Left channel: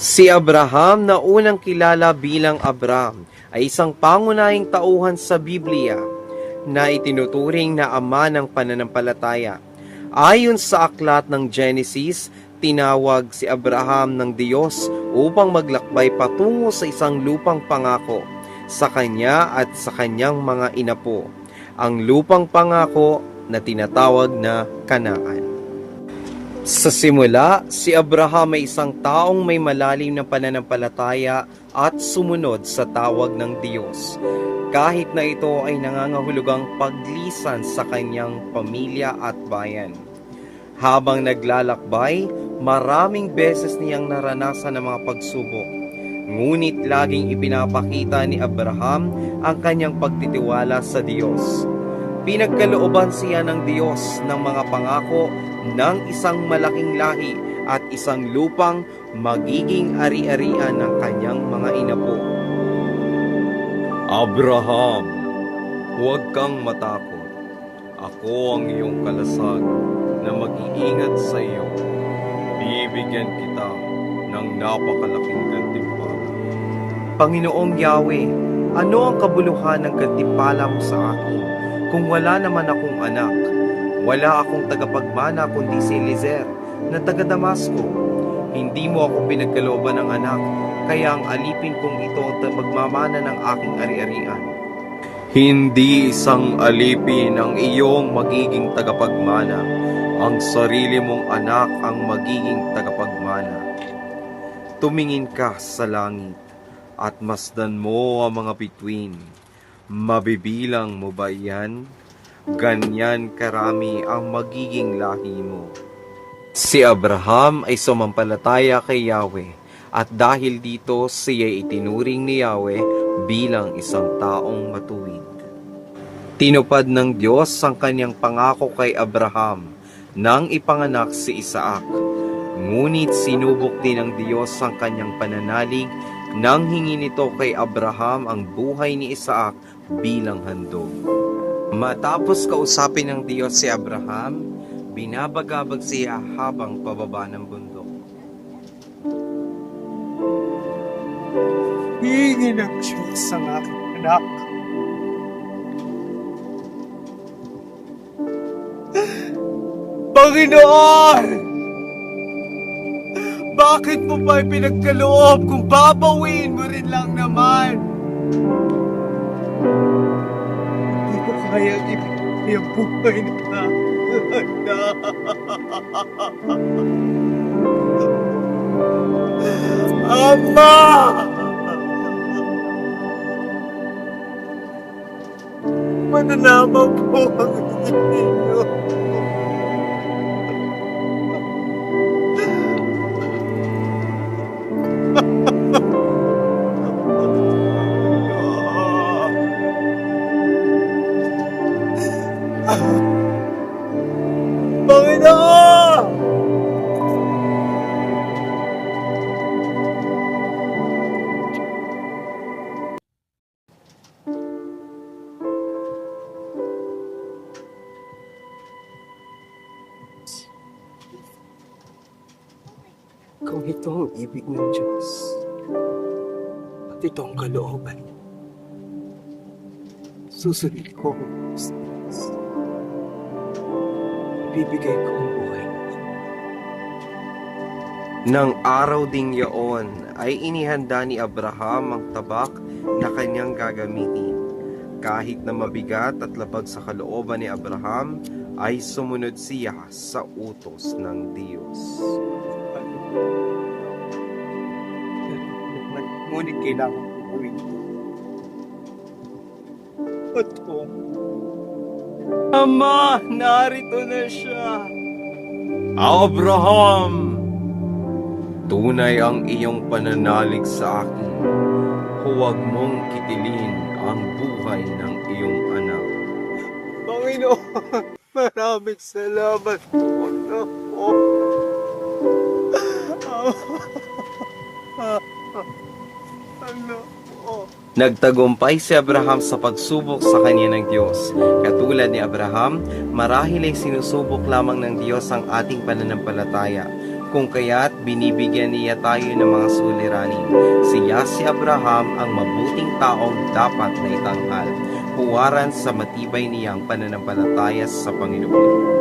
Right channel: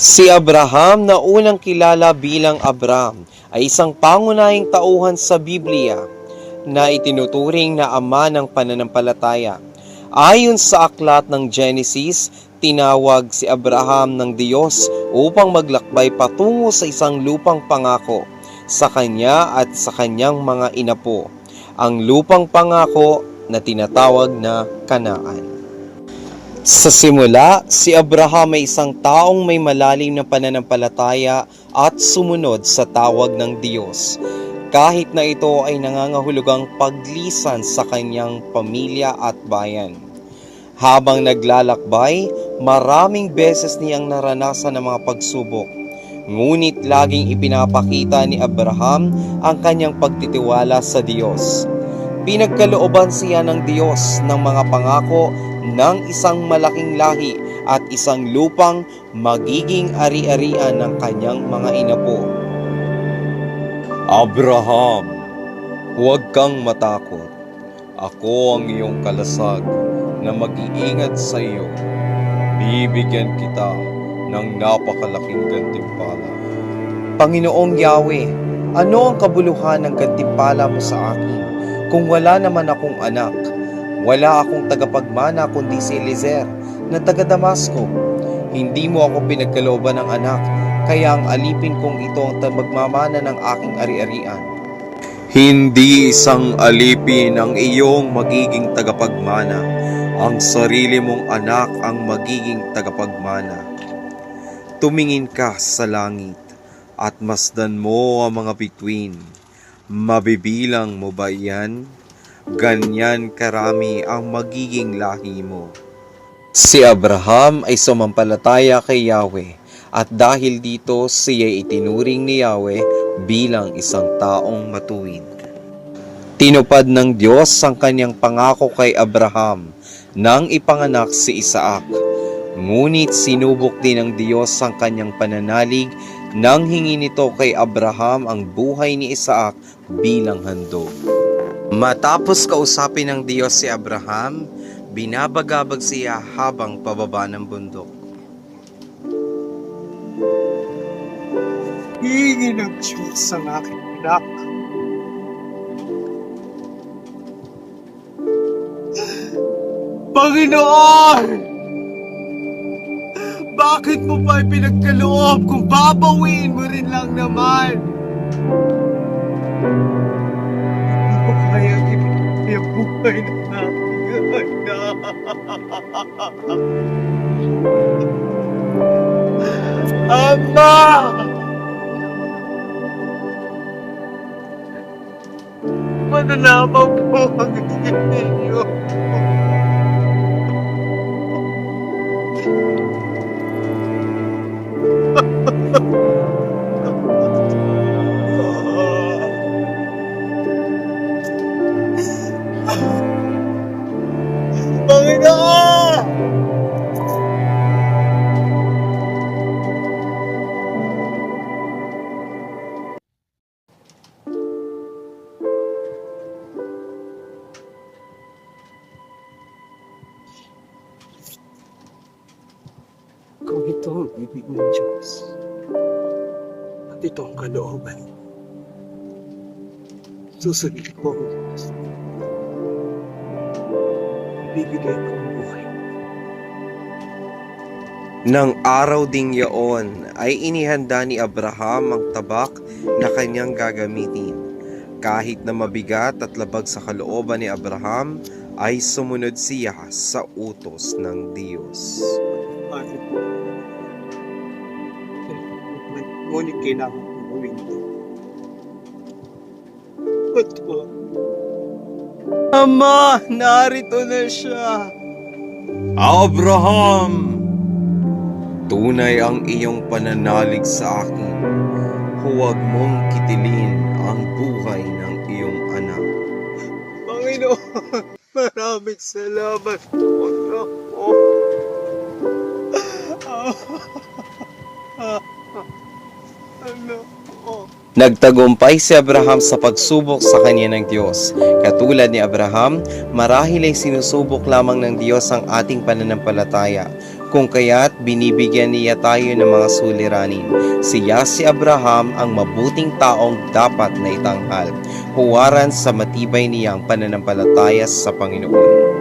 Si Abraham na unang kilala bilang Abram ay isang pangunahing tauhan sa Biblia na itinuturing na ama ng pananampalataya. Ayon sa aklat ng Genesis, tinawag si Abraham ng Diyos upang maglakbay patungo sa isang lupang pangako sa kanya at sa kanyang mga inapo, ang lupang pangako na tinatawag na Kanaan. Sa simula, si Abraham ay isang taong may malalim na pananampalataya at sumunod sa tawag ng Diyos, kahit na ito ay nangangahulugang paglisan sa kanyang pamilya at bayan. Habang naglalakbay, maraming beses niyang naranasan ang mga pagsubok, ngunit laging ipinapakita ni Abraham ang kanyang pagtitiwala sa Diyos. Pinagkalooban siya ng Diyos ng mga pangako ng isang malaking lahi at isang lupang magiging ari-arian ng kanyang mga inapo. Abraham, huwag kang matakot. Ako ang iyong kalasag na mag-iingat sa iyo. Bibigyan kita ng napakalaking gantimpala. Panginoong Yahweh, ano ang kabuluhan ng gantimpala mo sa akin kung wala naman akong anak? Wala akong tagapagmana kundi si Eliezer na taga Damasco. Hindi mo ako pinagkalooban ng anak, kaya ang alipin kong ito ang magmamana ng aking ari-arian. Hindi isang alipin ang iyong magiging tagapagmana. Ang sarili mong anak ang magiging tagapagmana. Tumingin ka sa langit at masdan mo ang mga bituin. Mabibilang mo ba iyan? Ganyan karami ang magiging lahi mo. Si Abraham ay sumampalataya kay Yahweh at dahil dito siya itinuring ni Yahweh bilang isang taong matuwid. Tinupad ng Diyos ang kanyang pangako kay Abraham nang ipanganak si Isaac. Ngunit sinubok din ng Diyos ang kanyang pananalig nang hingi nito kay Abraham ang buhay ni Isaac bilang handog. Matapos kausapin ng Diyos si Abraham, binabagabag siya habang pababa ng bundok. Hingi ng Diyos ang aking anak. Panginoon! Bakit mo pa pinagkaloob kung babawiin mo rin lang naman? Hindi ko kaya yung buhay ng aking anak. Ama! Mananamaw po ang inyo. Panginoon! Kung ito ang ibig ng Diyos at ito ang kalooban, susundin ko ang Diyos. Bibigay ko ang buhay. Nang araw ding yaon ay inihanda ni Abraham ang tabak na kanyang gagamitin. Kahit na mabigat at labag sa kalooban ni Abraham, ay sumunod siya sa utos ng Diyos. Ngunit kailangan kong gawin ito. Ito. Ama, narito na siya. Abraham! Tunay ang iyong pananalig sa akin. Huwag mong kitilin ang buhay ng iyong anak. Panginoon, maraming salamat po. Nagtagumpay si Abraham sa pagsubok sa kanya ng Diyos. Katulad ni Abraham, marahil ay sinusubok lamang ng Diyos ang ating pananampalataya. Kung kaya't binibigyan niya tayo ng mga suliranin. Siya si Abraham ang mabuting taong dapat na itanghal, huwaran sa matibay niyang pananampalataya sa Panginoon.